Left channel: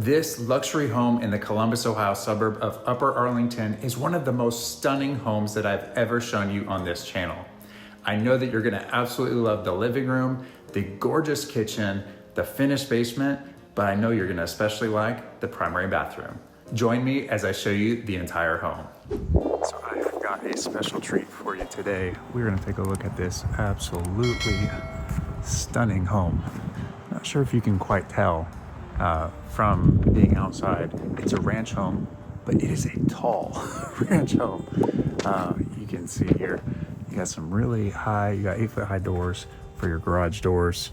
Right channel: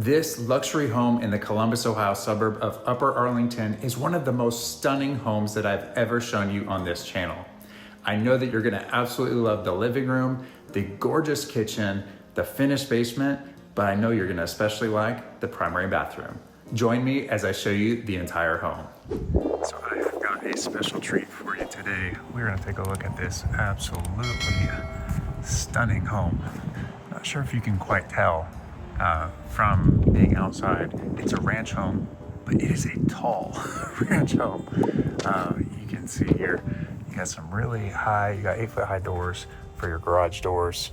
This luxury home in the Columbus, Ohio suburb of Upper Arlington is one of the most stunning homes that I've ever shown you on this channel. I know that you're gonna absolutely love the living room, the gorgeous kitchen, the finished basement, but I know you're gonna especially like the primary bathroom. Join me as I show you the entire home. So I have got a special treat for you today. We're gonna take a look at this absolutely stunning home. Not sure if you can quite tell from being outside. It's a ranch home, but it is a tall ranch home. You can see here, you got some really high, you got 8-foot high doors for your garage doors,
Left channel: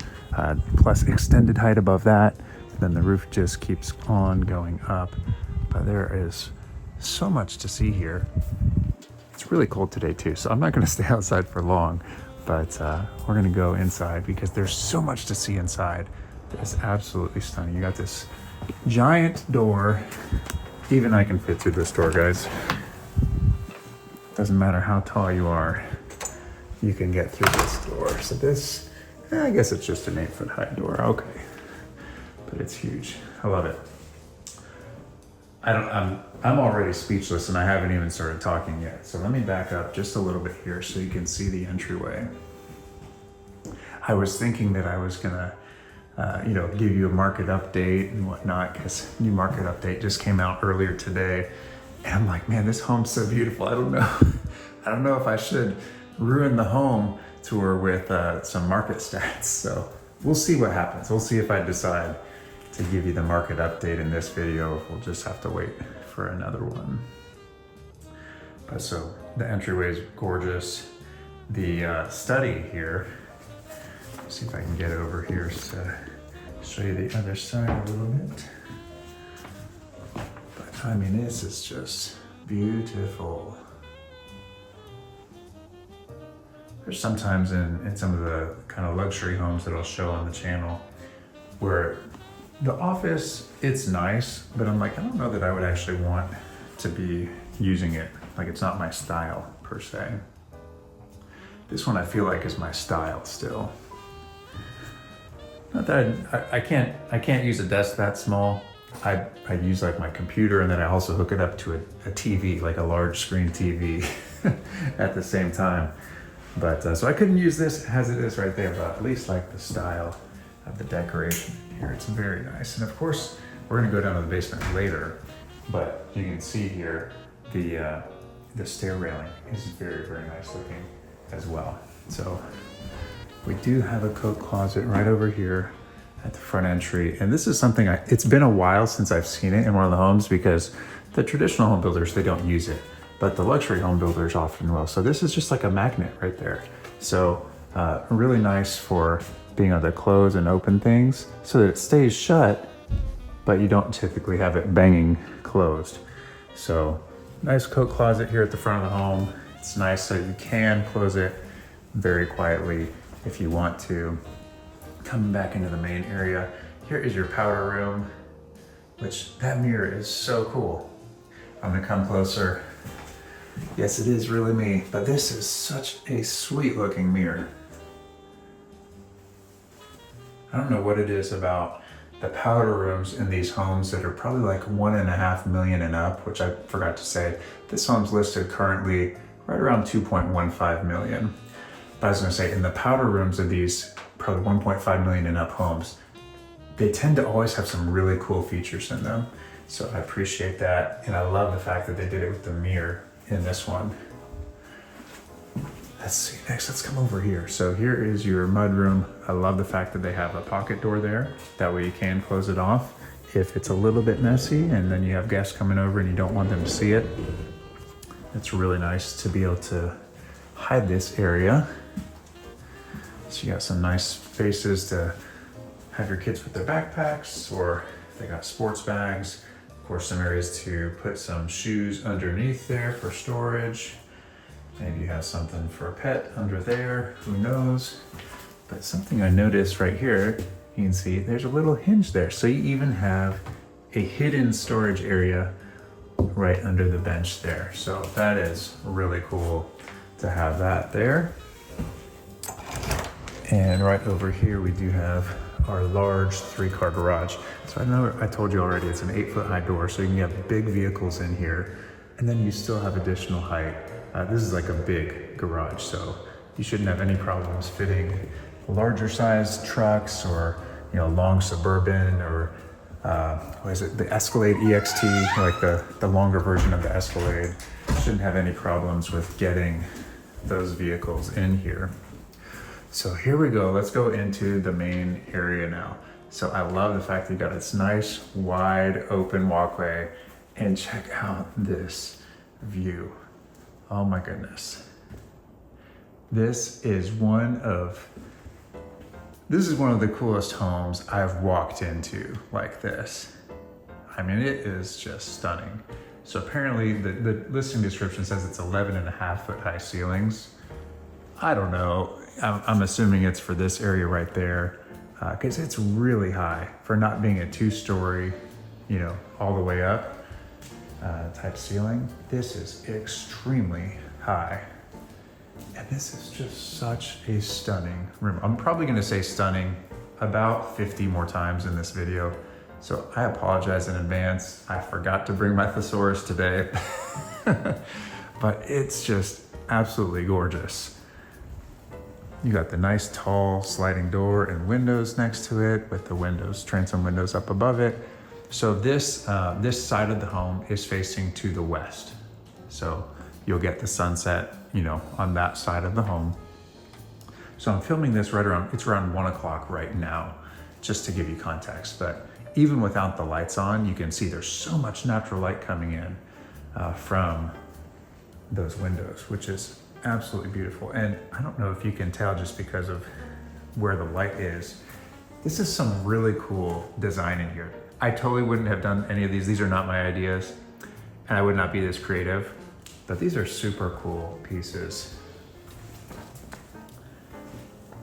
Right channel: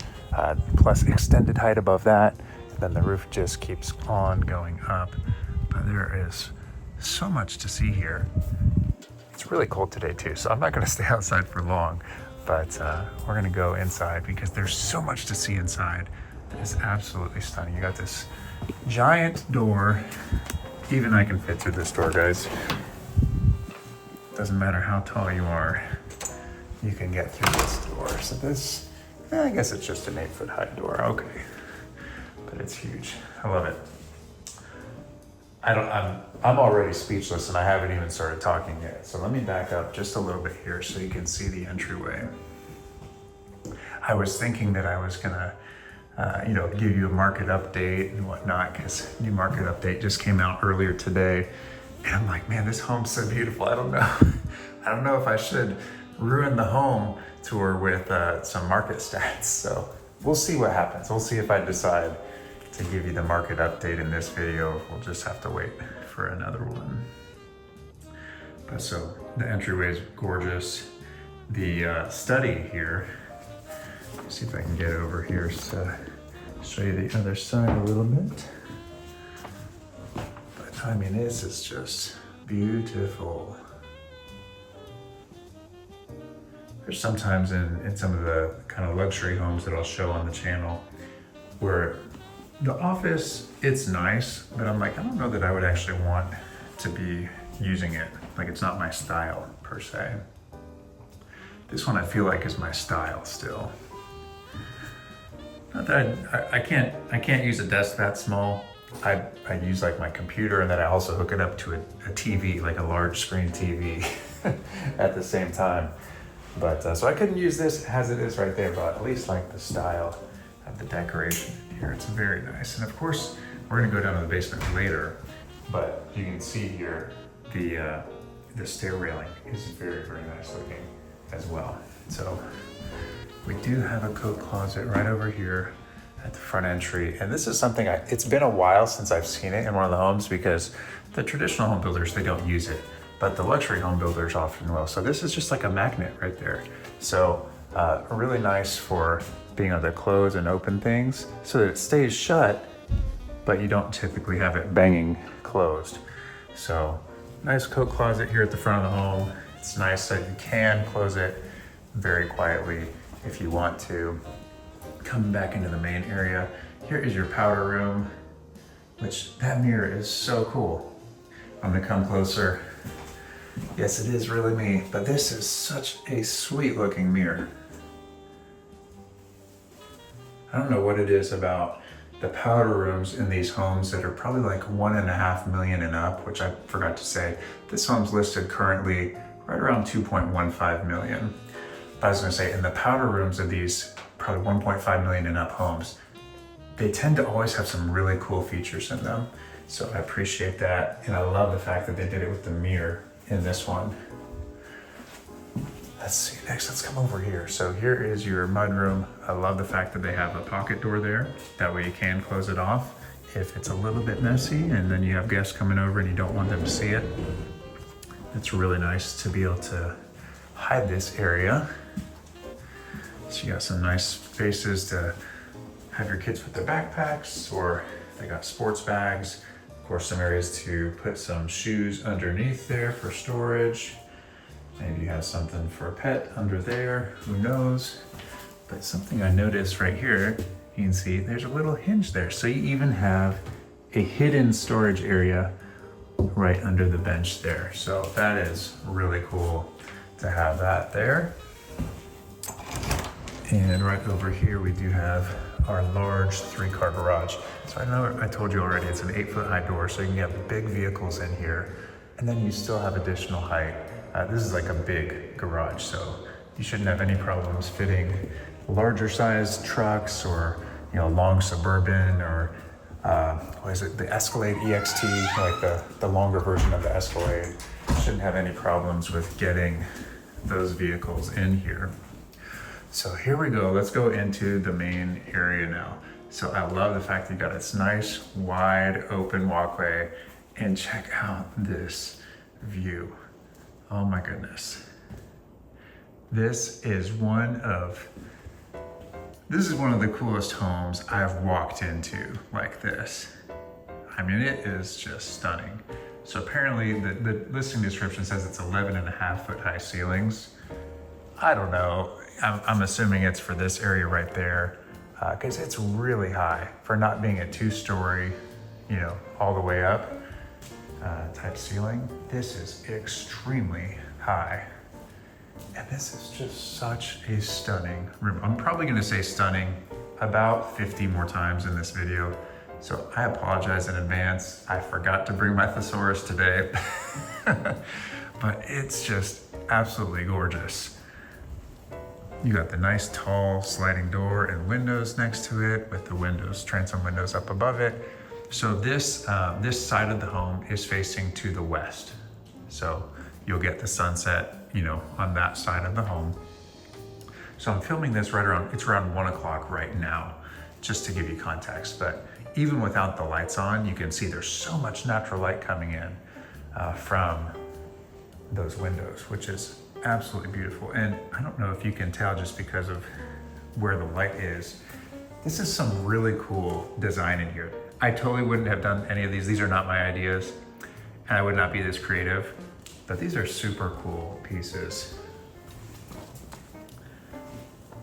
plus extended height above that. Then the roof just keeps on going up. But there is so much to see here. It's really cold today too, so I'm not gonna stay outside for long, but we're gonna go inside because there's so much to see inside. It's absolutely stunning. You got this giant door. Even I can fit through this door, guys. Doesn't matter how tall you are, you can get through this door. So this, I guess it's just an 8-foot high door, okay. But it's huge, I love it. I'm already speechless and I haven't even started talking yet. So let me back up just a little bit here so you can see the entryway. I was thinking that I was gonna give you a market update and whatnot, because new market update just came out earlier today. And I'm like, man, this home's so beautiful. I don't know if I should ruin the home tour with some market stats. So we'll see what happens. We'll see if I decide to give you the market update in this video. We'll just have to wait for another one. But so the entryway is gorgeous. The study here, see if I can get over here to show you the other side a little bit. But I mean, this is just beautiful. There's sometimes in some of the kind of luxury homes that I'll show on the channel where the office, it's nice, but I'm like, I don't know that I would actually want to be using it. Like, it's not my style per se. This one I feel like is my style still. Not that I can't use a desk that small. I use like my computer, and then I also hook it up to a TV, like a large screen TV at the same time. But so I couldn't use this as it is right there, but at least like the style of the decoration here. It's very nice. And of course, we're gonna go down to the basement later, but you can see here the stair railing is very, very nice looking as well. So we do have a coat closet right over here at the front entry. And this is something it's been a while since I've seen it in one of the homes, because the traditional home builders, they don't use it, but the luxury home builders often will. So this is just like a magnet right there. So really nice for being able to close and open things so that it stays shut, but you don't typically have it banging closed. So nice coat closet here at the front of the home. It's nice so you can close it very quietly if you want to. Coming back into the main area, here is your powder room, which that mirror is so cool. I'm gonna come closer. Yes, it is really me, but this is such a sweet looking mirror. I don't know what it is about the powder rooms in these homes that are probably like 1.5 million and up, which I forgot to say. This home's listed currently right around 2.15 million. I was gonna say, in the powder rooms of these probably 1.5 million and up homes, they tend to always have some really cool features in them. So I appreciate that. And I love the fact that they did it with the mirror in this one. Let's see, next let's come over here. So here is your mudroom. I love the fact that they have a pocket door there. That way you can close it off if it's a little bit messy and then you have guests coming over and you don't want them to see it. It's really nice to be able to hide this area. So you got some nice spaces to have your kids with their backpacks, or they got sports bags. Of course, some areas to put some shoes underneath there for storage. Maybe you have something for a pet under there, who knows? But something I noticed right here, you can see there's a little hinge there. So you even have a hidden storage area right under the bench there. So that is really cool to have that there. And right over here, we do have our large 3-car garage. So I know I told you already, it's an 8-foot high door, so you can get big vehicles in here, and then you still have additional height. This is like a big garage, so you shouldn't have any problems fitting larger sized trucks or, you know, long Suburban or what is it, the Escalade EXT, like the longer version of the Escalade. Shouldn't have any problems with getting those vehicles in here. So here we go, let's go into the main area now. So I love the fact that you got this nice wide open walkway, and check out this view. Oh my goodness. This is one of the coolest homes I've walked into like this. I mean, it is just stunning. So apparently the listing description says it's 11.5-foot high ceilings. I don't know, I'm assuming it's for this area right there, because it's really high for not being a 2-story, you know, all the way up type ceiling. This is extremely high. And this is just such a stunning room. I'm probably gonna say stunning about 50 more times in this video. So I apologize in advance. I forgot to bring my thesaurus today, but it's just absolutely gorgeous. You got the nice tall sliding door and windows next to it with the windows, transom windows up above it. So this side of the home is facing to the west. So you'll get the sunset, you know, on that side of the home. So I'm filming this it's around 1 o'clock right now, just to give you context. But even without the lights on, you can see there's so much natural light coming in from those windows, which is absolutely beautiful. And I don't know if you can tell just because of where the light is, this is some really cool design in here. I totally wouldn't have done any of these. These are not my ideas, and I would not be this creative, but these are super cool pieces.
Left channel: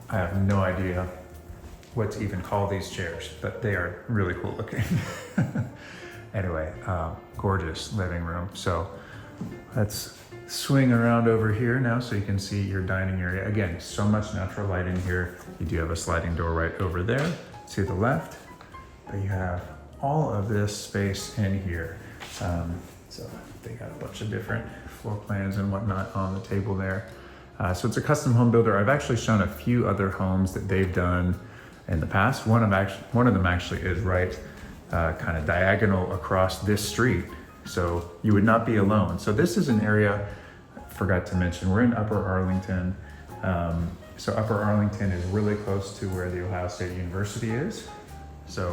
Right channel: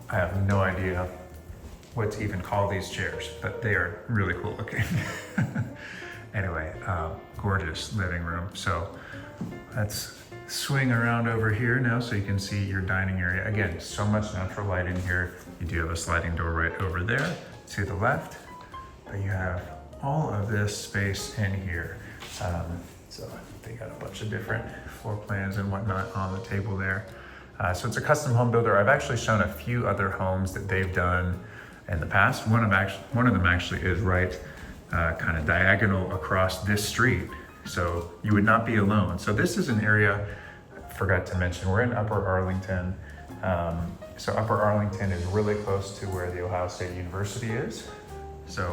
I have no idea what to even call these chairs, but they are really cool looking. Anyway, gorgeous living room. So let's swing around over here now so you can see your dining area. Again, so much natural light in here. You do have a sliding door right over there to the left, but you have all of this space in here. So they got a bunch of different floor plans and whatnot on the table there. So it's a custom home builder. I've actually shown a few other homes that they've done in the past. One of them actually is right kind of diagonal across this street. So you would not be alone. So this is an area, I forgot to mention, we're in Upper Arlington. So Upper Arlington is really close to where the Ohio State University is. So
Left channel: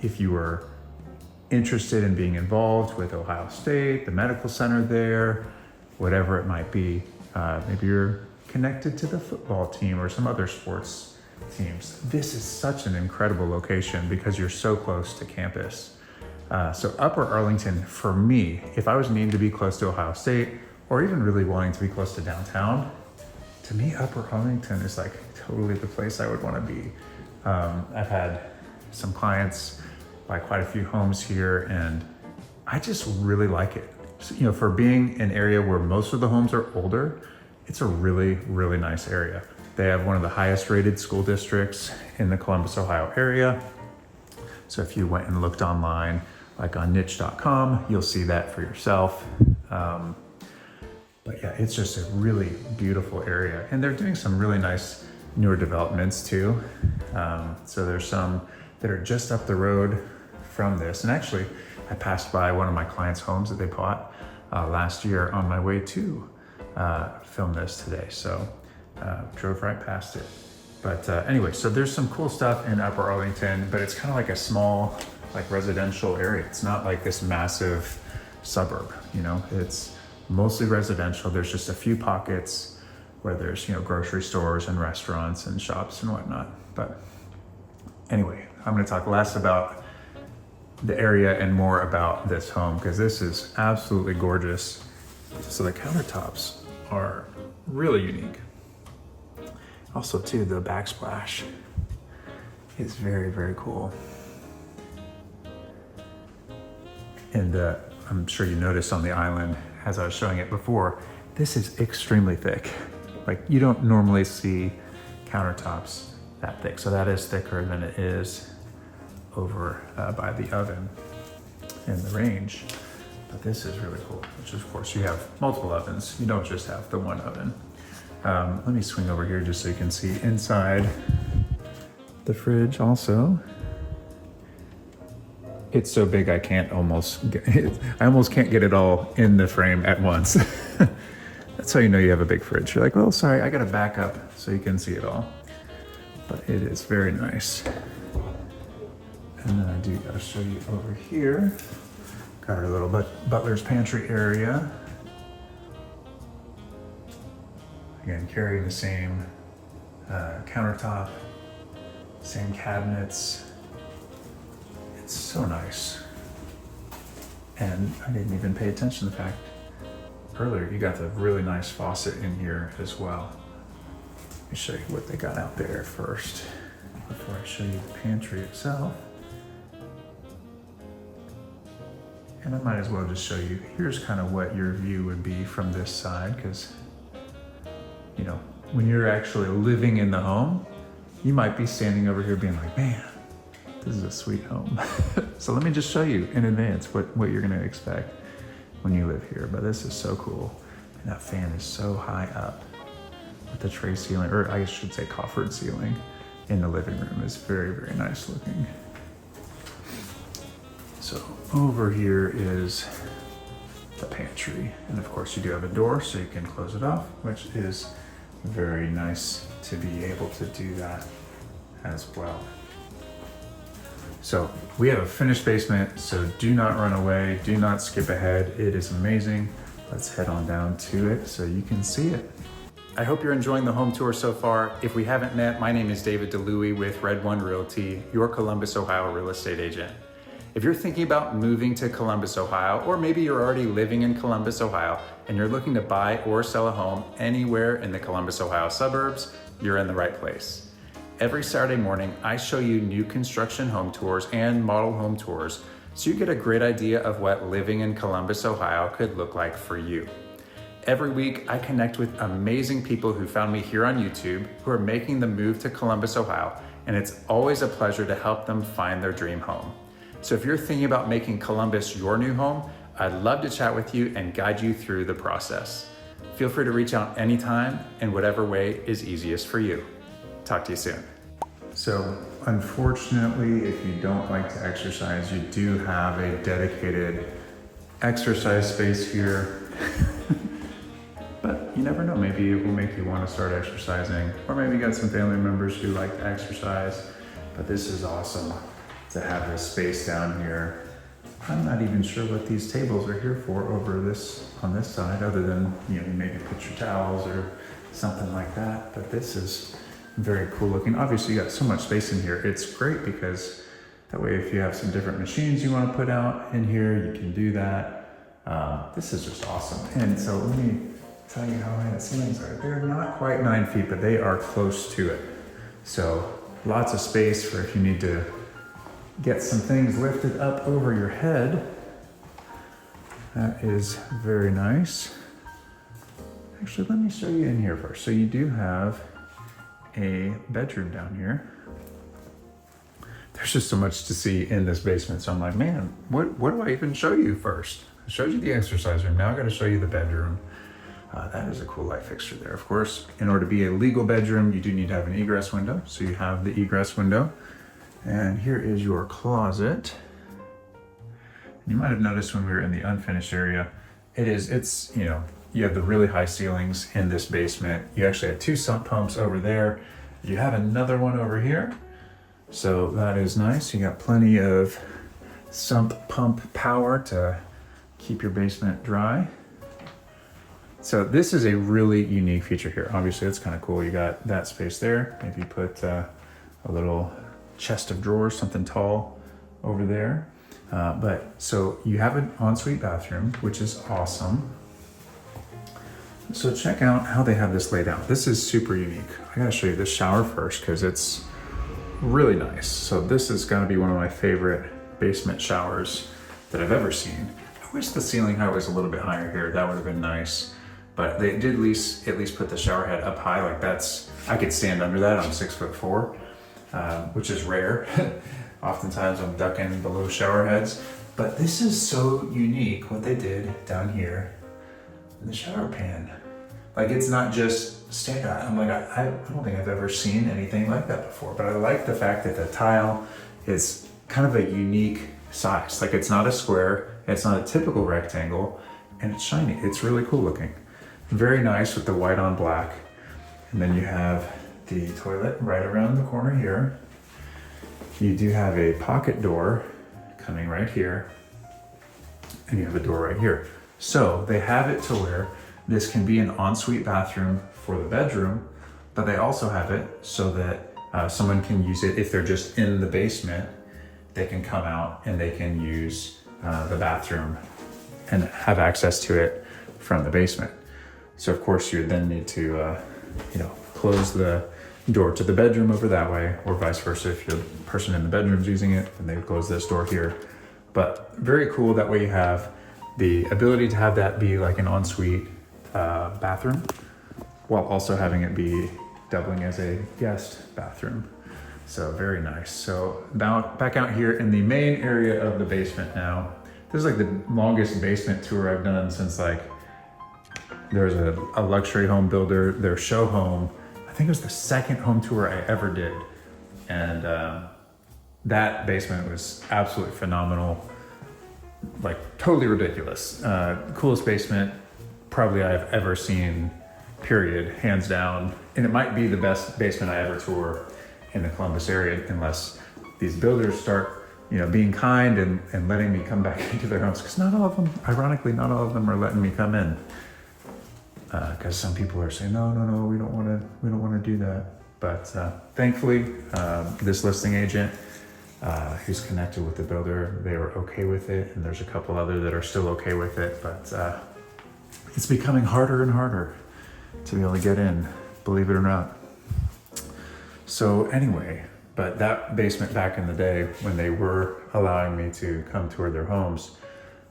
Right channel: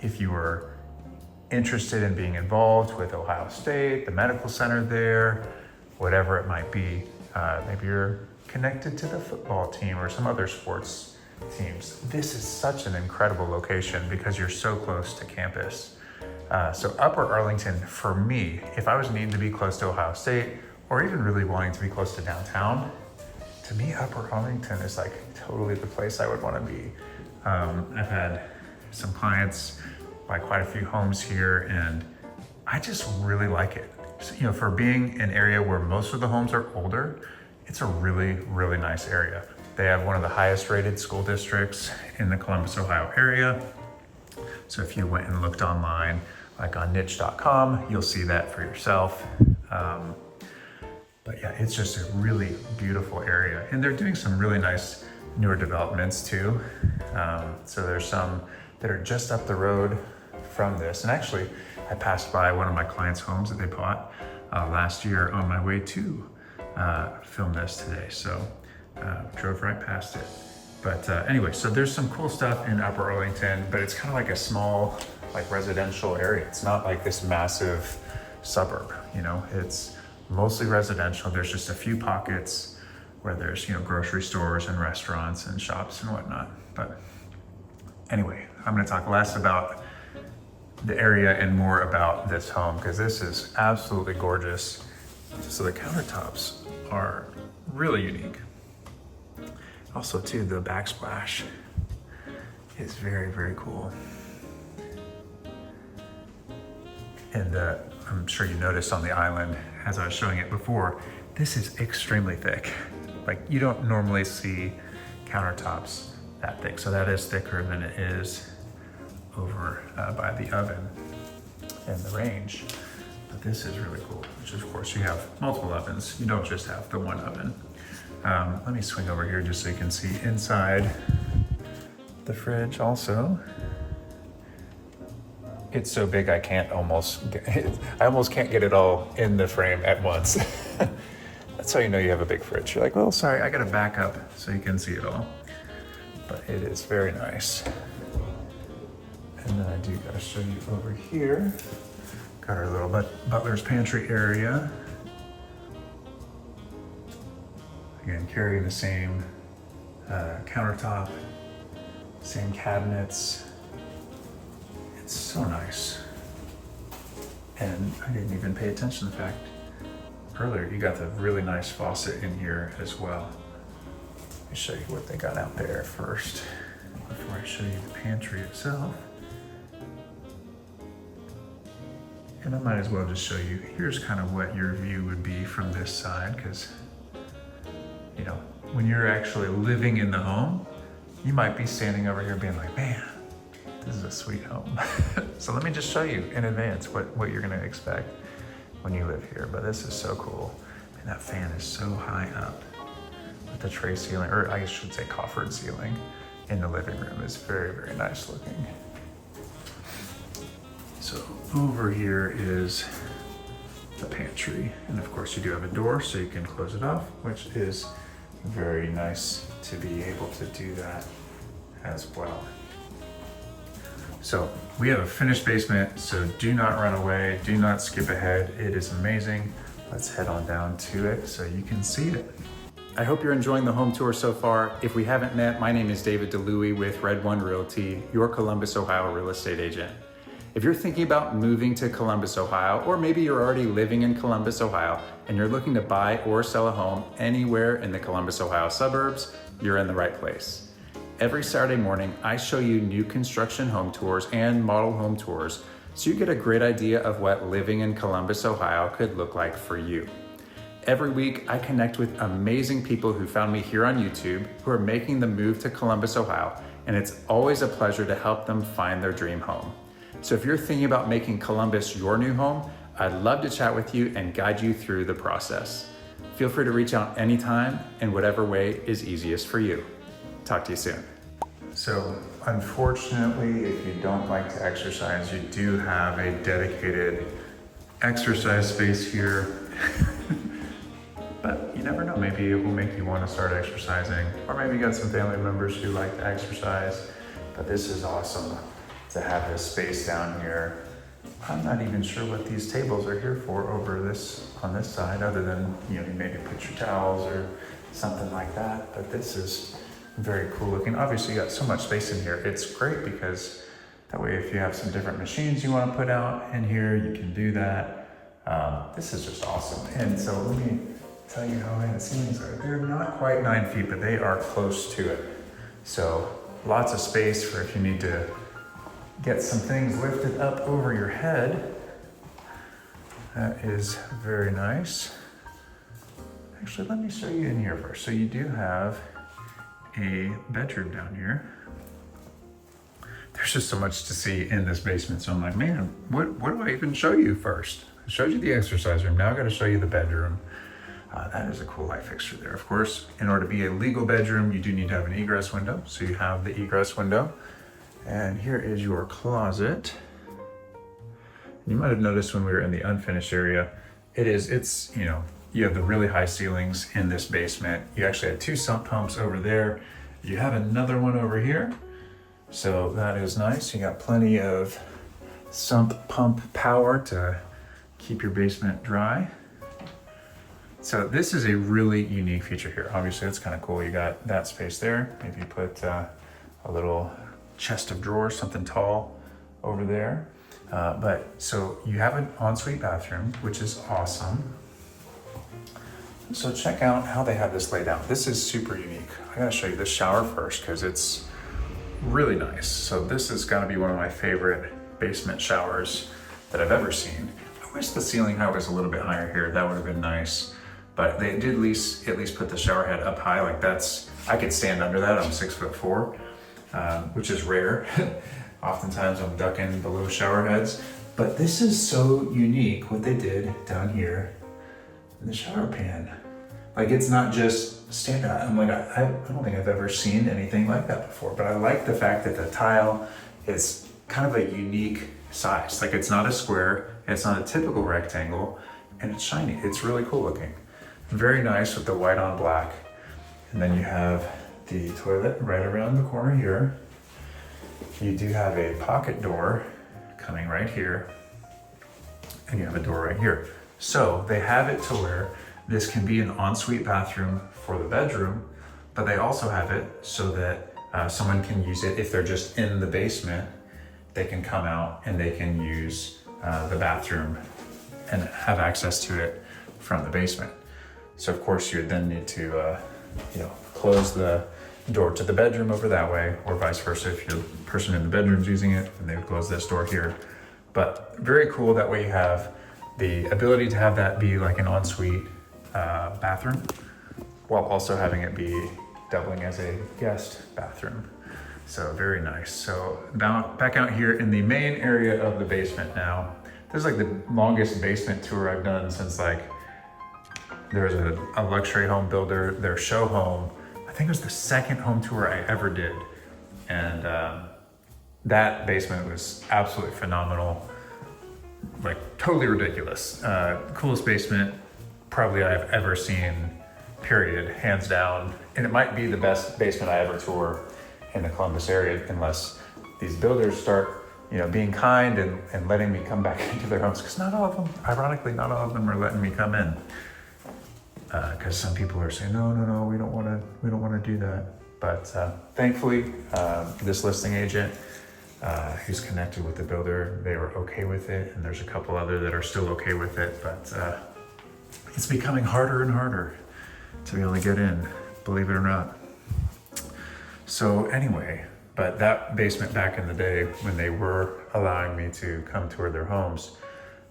if you were interested in being involved with Ohio State, the medical center there, whatever it might be, maybe you're connected to the football team or some other sports teams. This is such an incredible location because you're so close to campus. So Upper Arlington, for me, if I was needing to be close to Ohio State or even really wanting to be close to downtown, to me, Upper Arlington is like totally the place I would want to be. I've had some clients buy quite a few homes here, and I just really like it. So, you know, for being an area where most of the homes are older, it's a really, really nice area. They have one of the highest rated school districts in the Columbus, Ohio area. So if you went and looked online, like on niche.com, you'll see that for yourself. But yeah, it's just a really beautiful area. And they're doing some really nice newer developments too. So there's some that are just up the road from this. And actually, I passed by one of my clients' homes that they bought last year on my way to film this today. So drove right past it. But anyway, so there's some cool stuff in Upper Arlington, but it's kind of like a small, like residential area. It's not like this massive suburb, you know, it's mostly residential. There's just a few pockets where there's, you know, grocery stores and restaurants and shops and whatnot. But anyway, I'm going to talk less about the area and more about this home because this is absolutely gorgeous. So the countertops are really unique. Also too, the backsplash is very, very cool. And I'm sure you noticed on the island, as I was showing it before, this is extremely thick. Like you don't normally see countertops that thick. So that is thicker than it is over by the oven in the range. But this is really cool, which of course you have multiple ovens. You don't just have the one oven. Let me swing over here just so you can see inside the fridge also. It's so big I can't almost get it, I almost can't get it all in the frame at once. That's how you know you have a big fridge. You're like, well, sorry, I gotta back up so you can see it all. But it is very nice. And then I do gotta show you over here. Got our little butler's pantry area. Again, carrying the same countertop, same cabinets. It's so nice. And I didn't even pay attention to the fact, earlier you got the really nice faucet in here as well. Let me show you what they got out there first, before I show you the pantry itself. And I might as well just show you, here's kind of what your view would be from this side, because, you know, when you're actually living in the home, you might be standing over here being like, man, this is a sweet home. So let me just show you in advance what you're gonna expect when you live here. But this is so cool. And that fan is so high up with the tray ceiling, or I should say coffered ceiling in the living room is very, very nice looking. So over here is the pantry. And of course you do have a door so you can close it off, which is very nice to be able to do that as well. So we have a finished basement, so do not run away, do not skip ahead. It is amazing. Let's head on down to it so you can see it. I hope you're enjoying the home tour so far. If we haven't met, my name is David DeLuey with Red One Realty, your Columbus, Ohio real estate agent. If you're thinking about moving to Columbus, Ohio, or maybe you're already living in Columbus, Ohio, and you're looking to buy or sell a home anywhere in the Columbus, Ohio suburbs, you're in the right place. Every Saturday morning, I show you new construction home tours and model home tours so you get a great idea of what living in Columbus, Ohio could look like for you. Every week, I connect with amazing people who found me here on YouTube who are making the move to Columbus, Ohio, and it's always a pleasure to help them find their dream home. So if you're thinking about making Columbus your new home, I'd love to chat with you and guide you through the process. Feel free to reach out anytime in whatever way is easiest for you. Talk to you soon. So unfortunately, if you don't like to exercise, you do have a dedicated exercise space here. But you never know, maybe it will make you want to start exercising, or maybe you got some family members who like to exercise. But this is awesome to have a space down here. I'm not even sure what these tables are here for over this, on this side, other than, you know, maybe put your towels or something like that. But this is very cool looking. Obviously you got so much space in here. It's great because that way if you have some different machines you want to put out in here, you can do that. This is just awesome. And so let me tell you how high the ceilings are. They're not quite 9 feet, but they are close to it. So lots of space for if you need to get some things lifted up over your head. That is very nice. Actually, let me show you in here first. So you do have a bedroom down here. There's just so much to see in this basement. So I'm like, man, what do I even show you first? I showed you the exercise room. Now I gotta show you the bedroom. That is a cool light fixture there. Of course, in order to be a legal bedroom, you do need to have an egress window. So you have the egress window. And here is your closet. You might have noticed when we were in the unfinished area, it's, you know, you have the really high ceilings in this basement. You actually have 2 sump pumps over there. You have another one over here. So that is nice. You got plenty of sump pump power to keep your basement dry. So this is a really unique feature here. Obviously it's kind of cool. You got that space there. Maybe you put a little chest of drawers, something tall over there. But so you have an ensuite bathroom, which is awesome. So check out how they have this laid out. This is super unique. I gotta show you the shower first because it's really nice. So this is gonna be one of my favorite basement showers that I've ever seen. I wish the ceiling height was a little bit higher here. That would have been nice. But they did at least put the shower head up high. Like that's, I could stand under that. I'm 6'4". which is rare. Oftentimes I'm ducking below shower heads, but this is so unique what they did down here in the shower pan. Like, it's not just standard. I'm like, I don't think I've ever seen anything like that before, but I like the fact that the tile is kind of a unique size. Like, it's not a square, it's not a typical rectangle, and it's shiny. It's really cool looking. Very nice with the white on black. And then you have the toilet right around the corner here. You do have a pocket door coming right here, and you have a door right here. So they have it to where this can be an ensuite bathroom for the bedroom, but they also have it so that someone can use it if they're just in the basement. They can come out and they can use the bathroom and have access to it from the basement. So of course you would then need to, close the door to the bedroom over that way, or vice versa. If the person in the bedroom is using it, then they would close this door here. But very cool. That way you have the ability to have that be like an ensuite bathroom, while also having it be doubling as a guest bathroom. So very nice. So now back out here in the main area of the basement now. This is like the longest basement tour I've done since, like, there's a luxury home builder, their show home. I think it was the second home tour I ever did. And that basement was absolutely phenomenal. Like, totally ridiculous. Coolest basement probably I've ever seen, period, hands down. And it might be the best basement I ever tour in the Columbus area, unless these builders start, being kind and letting me come back into their homes, because not all of them, ironically, not all of them are letting me come in. Because some people are saying, no, we don't want to do that. But thankfully, this listing agent who's connected with the builder, they were okay with it, and there's a couple other that are still okay with it. But it's becoming harder and harder to be able to get in, believe it or not. So anyway, but that basement back in the day when they were allowing me to come tour their homes,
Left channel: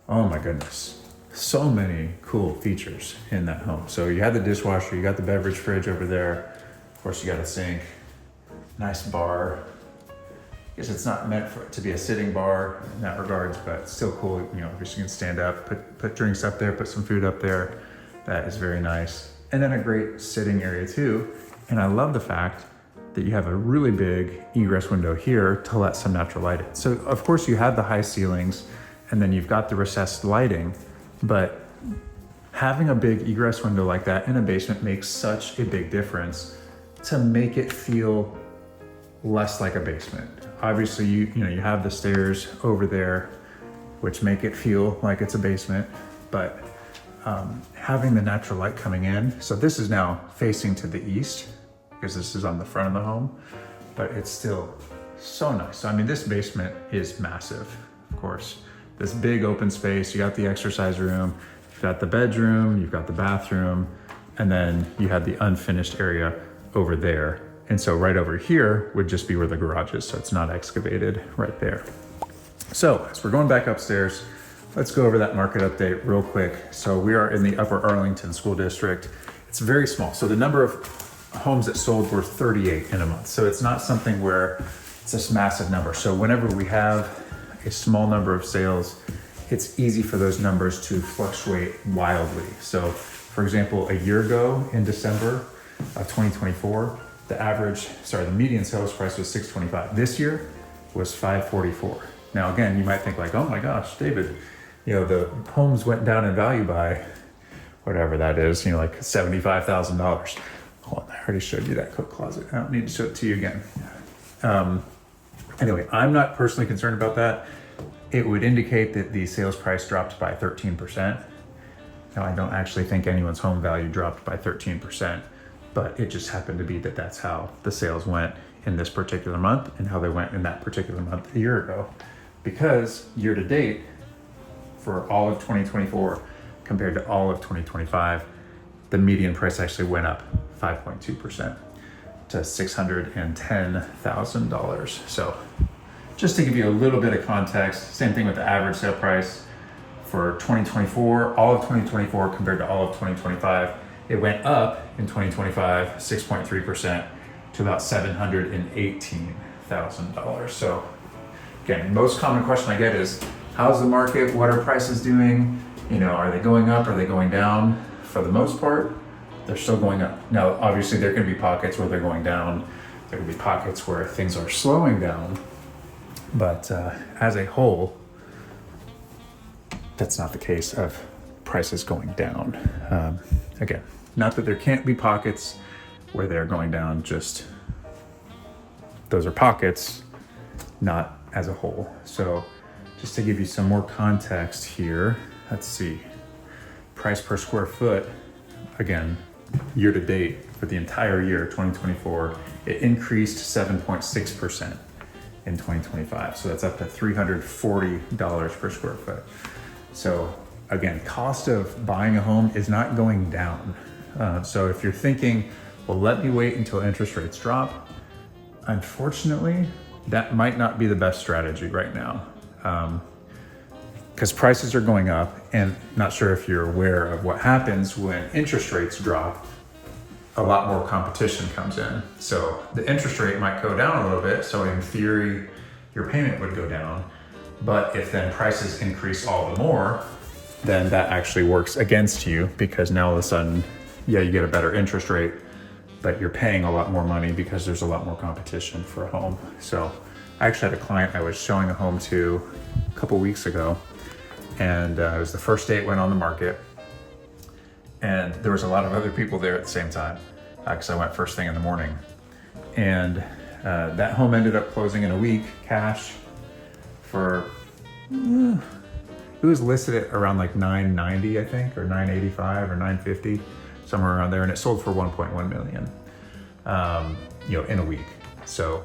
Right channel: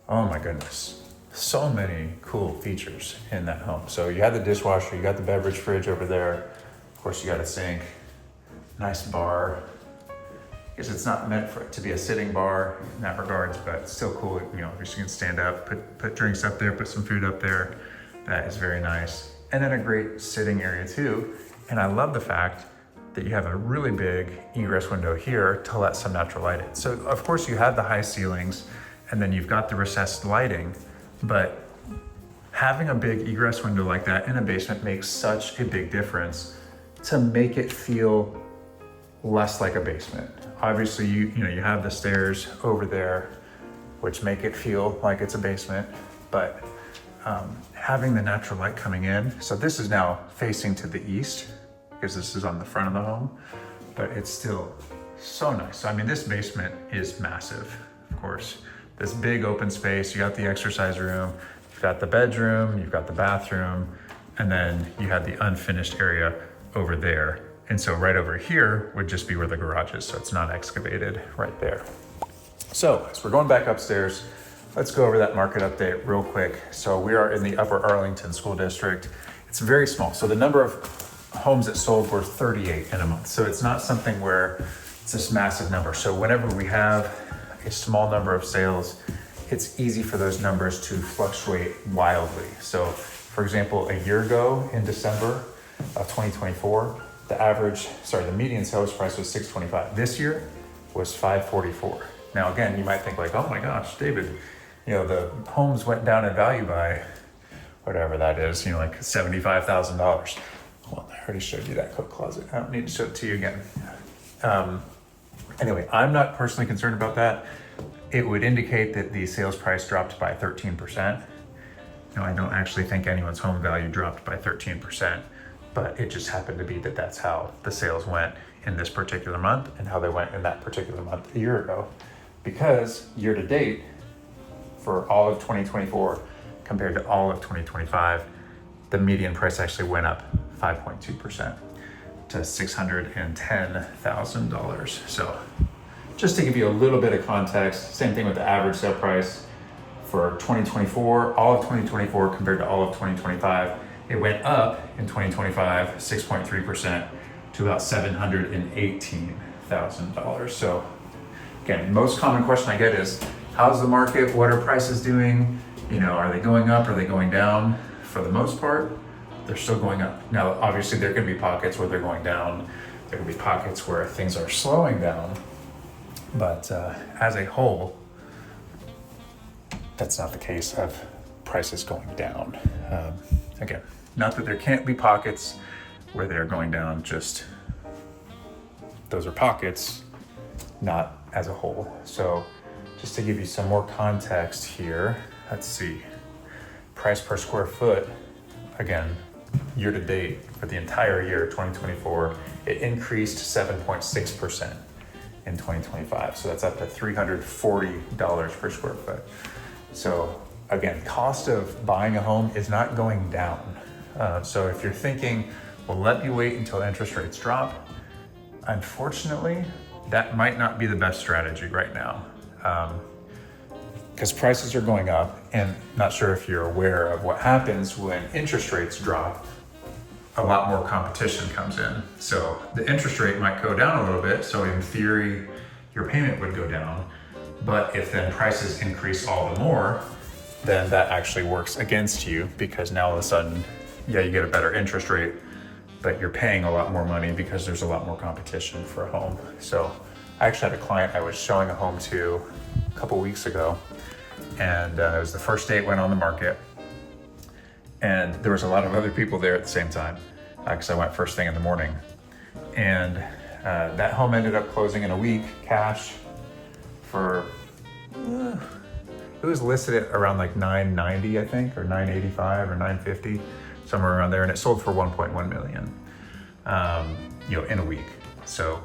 oh my goodness, so many cool features in that home. So you had the dishwasher, you got the beverage fridge over there, of course you got a sink, nice bar. I guess it's not meant for it to be a sitting bar in that regards, but it's still cool. Obviously you can stand up, put drinks up there, put some food up there. That is very nice. And then a great sitting area too. And I love the fact that you have a really big egress window here to let some natural light in. So of course you have the high ceilings, and then you've got the recessed lighting, but having a big egress window like that in a basement makes such a big difference to make it feel less like a basement. Obviously you have the stairs over there, which make it feel like it's a basement, but having the natural light coming in. So this is now facing to the east, because this is on the front of the home, but it's still so nice. I mean, this basement is massive, of course. This big open space, you got the exercise room, you've got the bedroom, you've got the bathroom, and then you have the unfinished area over there. And so right over here would just be where the garage is, so it's not excavated right there. So as we're going back upstairs, let's go over that market update real quick. So we are in the Upper Arlington School District. It's very small. So the number of homes that sold were 38 in a month. So it's not something where it's this massive number. So whenever we have a small number of sales, it's easy for those numbers to fluctuate wildly. So for example, a year ago in December of 2024, the median sales price was $625. This year was $544. Now again, you might think like, oh my gosh, David, the homes went down in value by whatever that is, like $75,000. Hold on, I already showed you that coat closet. I don't need to show it to you again. Anyway, I'm not personally concerned about that. It would indicate that the sales price dropped by 13%. Now, I don't actually think anyone's home value dropped by 13%, but it just happened to be that that's how the sales went in this particular month and how they went in that particular month a year ago. Because year to date, for all of 2024 compared to all of 2025, the median price actually went up 5.2% to $610,000. So just to give you a little bit of context, same thing with the average sale price for 2024, all of 2024 compared to all of 2025. It went up in 2025, 6.3% to about $718,000. $100,000. So again, most common question I get is, how's the market? What are prices doing? You know, are they going up? Are they going down? For the most part, they're still going up. Now, obviously there can be pockets where they're going down. There can be pockets where things are slowing down. But as a whole, that's not the case of prices going down. Again, not that there can't be pockets where they're going down, just those are pockets, not as a whole. So just to give you some more context here, let's see. Price per square foot, again, year to date, for the entire year 2024, it increased 7.6% in 2025. So that's up to $340 per square foot. So again, cost of buying a home is not going down. So if you're thinking, well, let me wait until interest rates drop, unfortunately, that might not be the best strategy right now. Because prices are going up, and not sure if you're aware of what happens when interest rates drop, a lot more competition comes in. So the interest rate might go down a little bit, so in theory, your payment would go down. But if then prices increase all the more, then that actually works against you, because now all of a sudden, yeah, you get a better interest rate, but you're paying a lot more money because there's a lot more competition for a home. So I actually had a client I was showing a home to a couple weeks ago, and it was the first day it went on the market, and there was a lot of other people there at the same time, because I went first thing in the morning. And that home ended up closing in a week, cash, for it was listed at around like $990, I think, or $985 or $950, somewhere around there, and it sold for $1.1 million, you know, in a week. So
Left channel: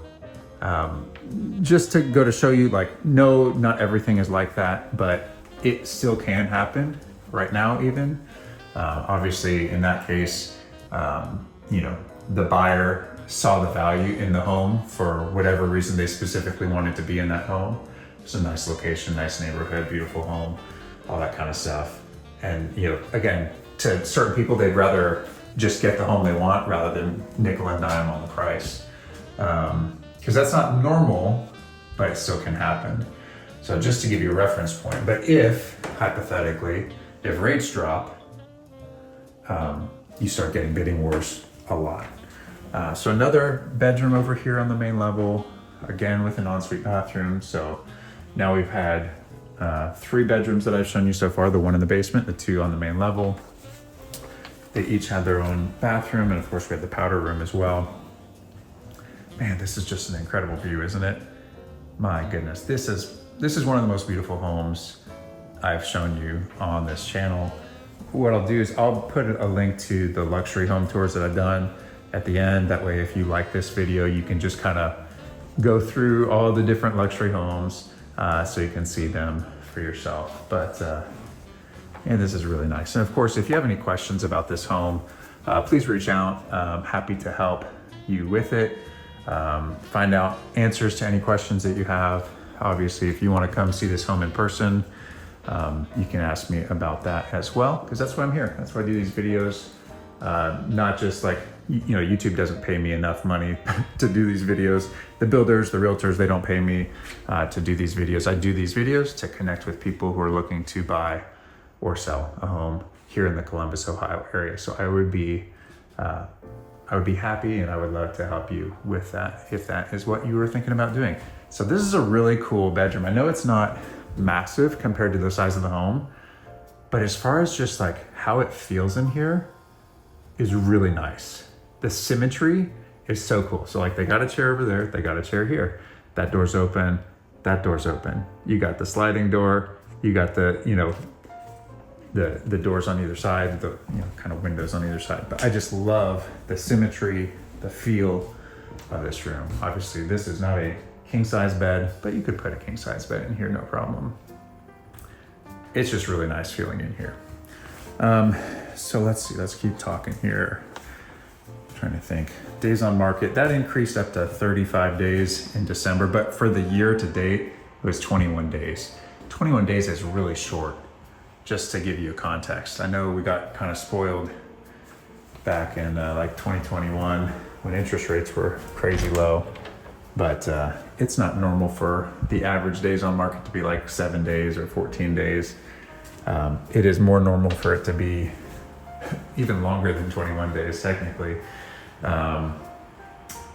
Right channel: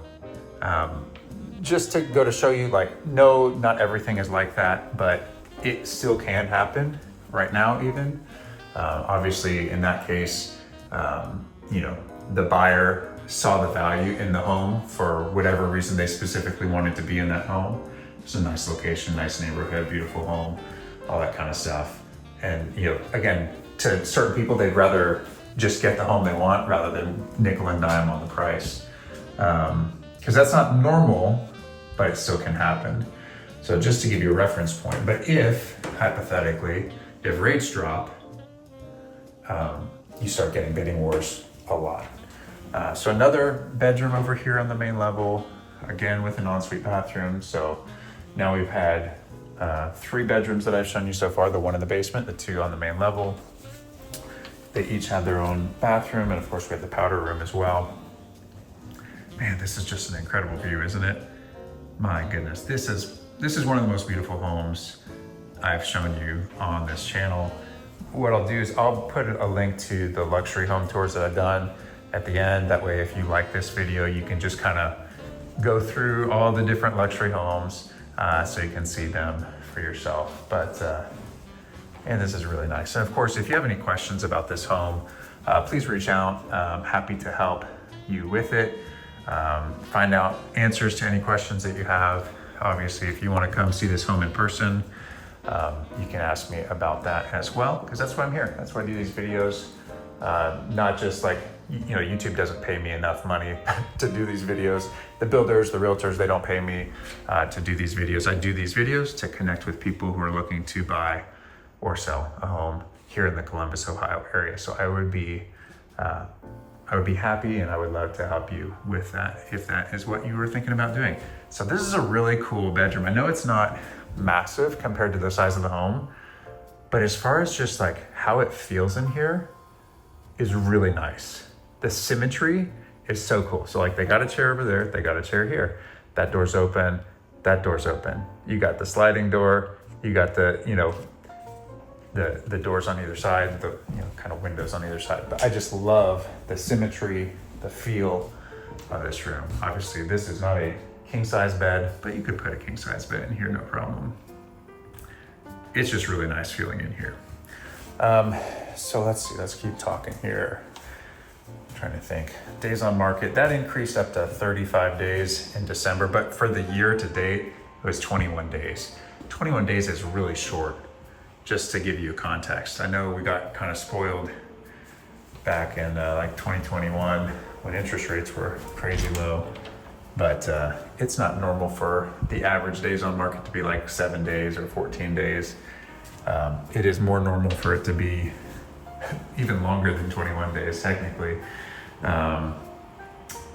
just to go to show you, like, no, not everything is like that, but it still can happen right now even. Obviously in that case, you know, the buyer saw the value in the home for whatever reason they specifically wanted to be in that home. It's a nice location, nice neighborhood, beautiful home, all that kind of stuff. And, you know, again, to certain people, they'd rather just get the home they want rather than nickel and dime on the price. Because that's not normal, but it still can happen. So just to give you a reference point, but if, hypothetically, if rates drop, you start getting bidding wars a lot. So another bedroom over here on the main level, again with an ensuite bathroom. So now we've had 3 bedrooms that I've shown you so far, the one in the basement, the 2 on the main level. They each have their own bathroom, and of course we have the powder room as well. Man, this is just an incredible view, isn't it? My goodness, this is one of the most beautiful homes I've shown you on this channel. What I'll do is I'll put a link to the luxury home tours that I've done at the end. That way, if you like this video, you can just kind of go through all the different luxury homes so you can see them for yourself. But and this is really nice. And of course, if you have any questions about this home, please reach out. I'm happy to help you with it. Find out answers to any questions that you have. Obviously, if you want to come see this home in person, you can ask me about that as well, because that's why I'm here. That's why I do these videos. Not just like, you know, YouTube doesn't pay me enough money to do these videos. The builders, the realtors, they don't pay me to do these videos. I do these videos to connect with people who are looking to buy or sell a home here in the Columbus, Ohio area. So I would be happy, and I would love to help you with that if that is what you were thinking about doing. So this is a really cool bedroom. I know it's not massive compared to the size of the home, but as far as just like how it feels in here is really nice. The symmetry is so cool. So like they got a chair over there, they got a chair here. That door's open, that door's open. You got the sliding door, you got the, you know, the doors on either side, the, you know, kind of windows on either side. But I just love the symmetry, the feel of this room. Obviously this is not a king size bed, but you could put a king size bed in here, no problem. It's just really nice feeling in here. So let's see, let's keep talking here. I'm trying to think. Days on market, that increased up to 35 days in December, but for the year to date, it was 21 days. 21 days is really short, just to give you context. I know we got kind of spoiled back in like 2021 when interest rates were crazy low. but it's not normal for the average days on market to be like 7 days or 14 days. It is more normal for it to be even longer than 21 days technically.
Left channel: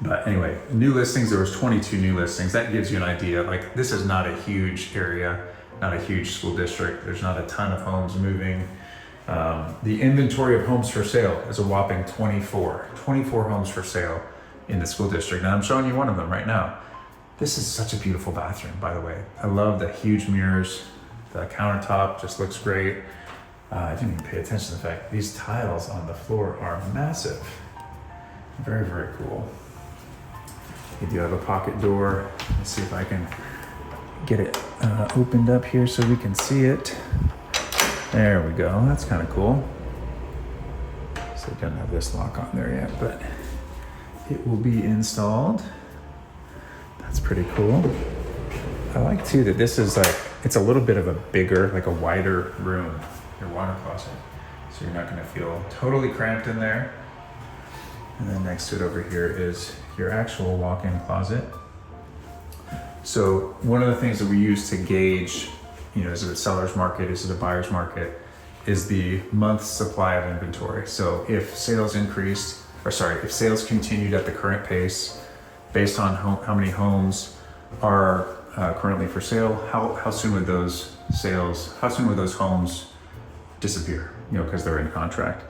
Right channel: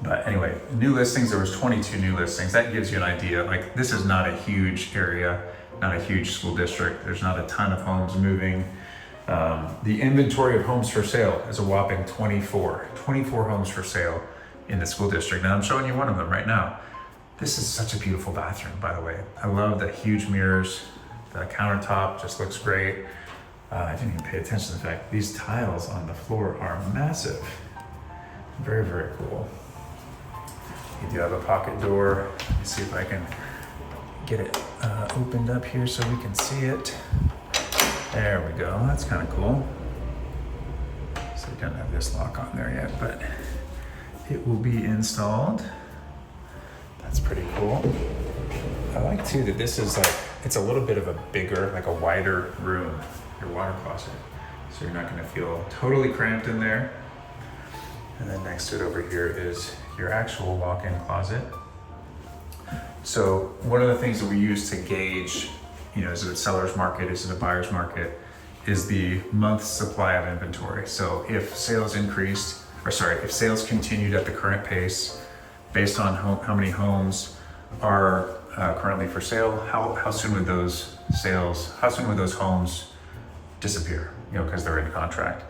But anyway, new listings, there was 22 new listings. That gives you an idea. Like, this is not a huge area, not a huge school district. There's not a ton of homes moving. The inventory of homes for sale is a whopping 24 homes for sale in the school district. And I'm showing you one of them right now. This is such a beautiful bathroom, by the way. I love the huge mirrors. The countertop just looks great. I didn't even pay attention to the fact these tiles on the floor are massive. Very, very cool. You do have a pocket door. Let's see if I can get it opened up here so we can see it. There we go. That's kind of cool. So it doesn't have this lock on there yet, but it will be installed. That's pretty cool. I like too that this is like, it's a little bit of a bigger, like a wider room, your water closet. So you're not going to feel totally cramped in there. And then next to it over here is your actual walk-in closet. So one of the things that we use to gauge, is it a seller's market, is it a buyer's market, is the month's supply of inventory. So if sales if sales continued at the current pace, based on how many homes are currently for sale, how soon would those homes disappear, because they're in contract?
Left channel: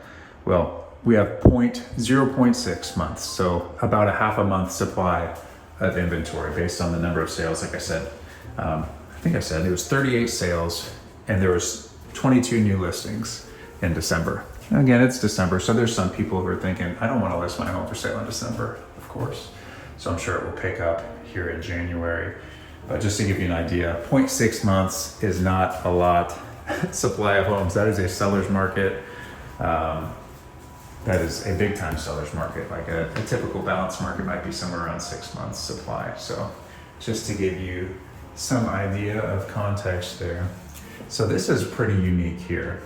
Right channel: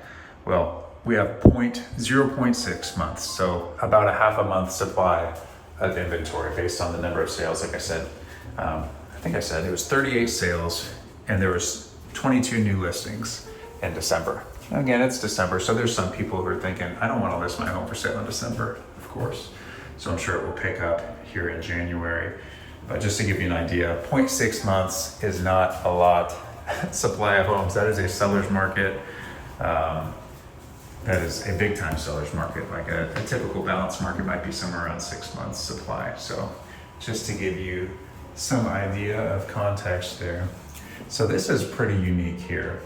Well, we have 0.6 months, so about a half a month supply of inventory based on the number of sales. Like I said, I think I said it was 38 sales and there was 22 new listings in December. And again, it's December, so there's some people who are thinking, I don't want to list my home for sale in December, of course. So I'm sure it will pick up here in January. But just to give you an idea, 0.6 months is not a lot supply of homes. That is a seller's market. That is a big time seller's market. Like a typical balanced market might be somewhere around 6 months supply. So just to give you some idea of context there. So this is pretty unique here.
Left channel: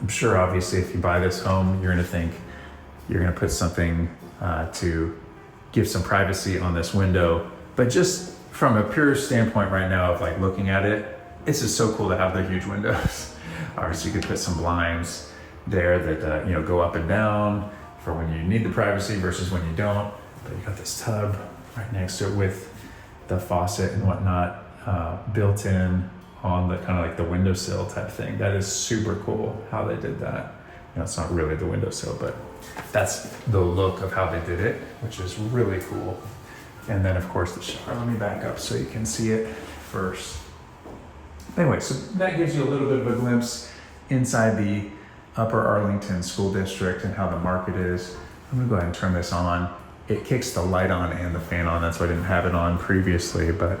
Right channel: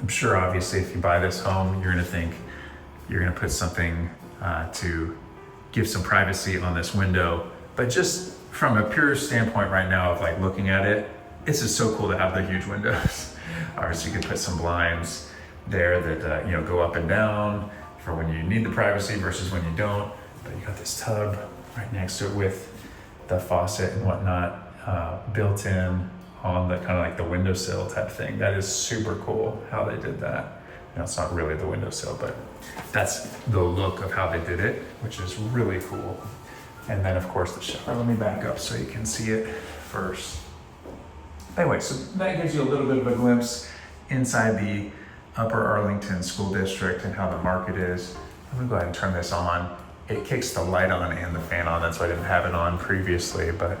I'm sure obviously if you buy this home, you're gonna think you're gonna put something to give some privacy on this window. But just from a pure standpoint right now of like looking at it, it's just so cool to have the huge windows. All right, so you could put some blinds there that go up and down for when you need the privacy versus when you don't. But you got this tub right next to it with the faucet and whatnot built in on the kind of like the windowsill type thing. That is super cool how they did that. It's not really the windowsill, but that's the look of how they did it, which is really cool. And then of course the shower. Let me back up so you can see it first. Anyway, so that gives you a little bit of a glimpse inside the Upper Arlington School District and how the market is. I'm gonna go ahead and turn this on. It kicks the light on and the fan on. That's why I didn't have it on previously, but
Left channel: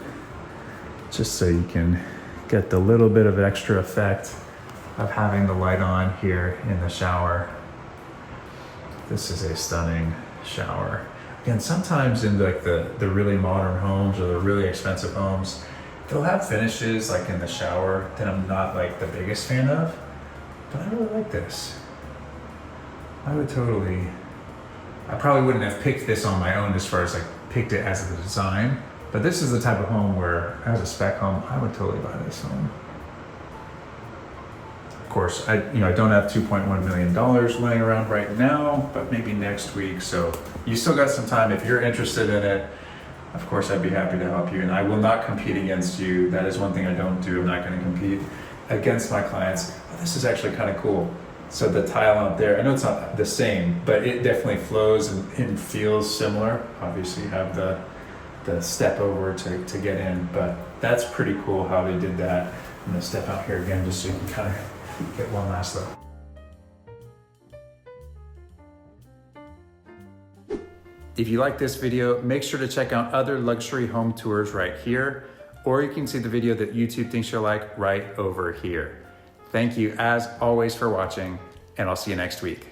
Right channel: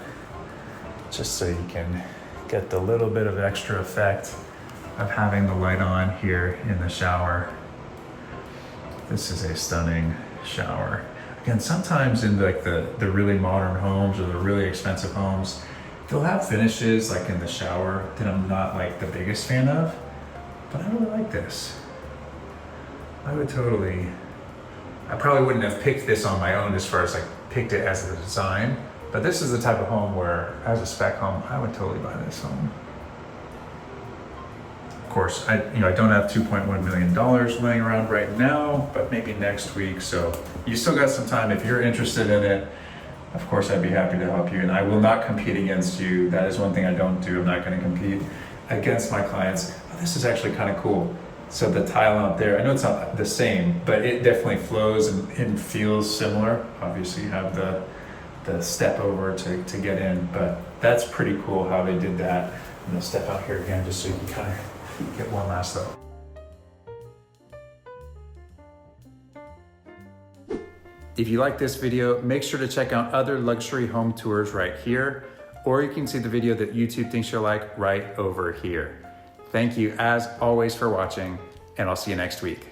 just so you can get the little bit of extra effect of having the light on here in the shower. This is a stunning shower. Again, sometimes in like the really modern homes or the really expensive homes, they'll have finishes like in the shower that I'm not like the biggest fan of. But I really like this. I probably wouldn't have picked this on my own as far as like picked it as a design, but this is the type of home where, as a spec home, I would totally buy this home. Of course, I don't have $2.1 million laying around right now, but maybe next week. So you still got some time. If you're interested in it, of course, I'd be happy to help you. And I will not compete against you. That is one thing I don't do. I'm not going to compete against my clients. Oh, this is actually kind of cool. So the tile out there, I know it's not the same, but it definitely flows and feels similar. Obviously you have the step over to get in, but that's pretty cool how they did that. I'm gonna step out here again just so you can kind of get one last look. If you like this video, make sure to check out other luxury home tours right here, or you can see the video that YouTube thinks you'll like right over here. Thank you as always for watching, and I'll see you next week.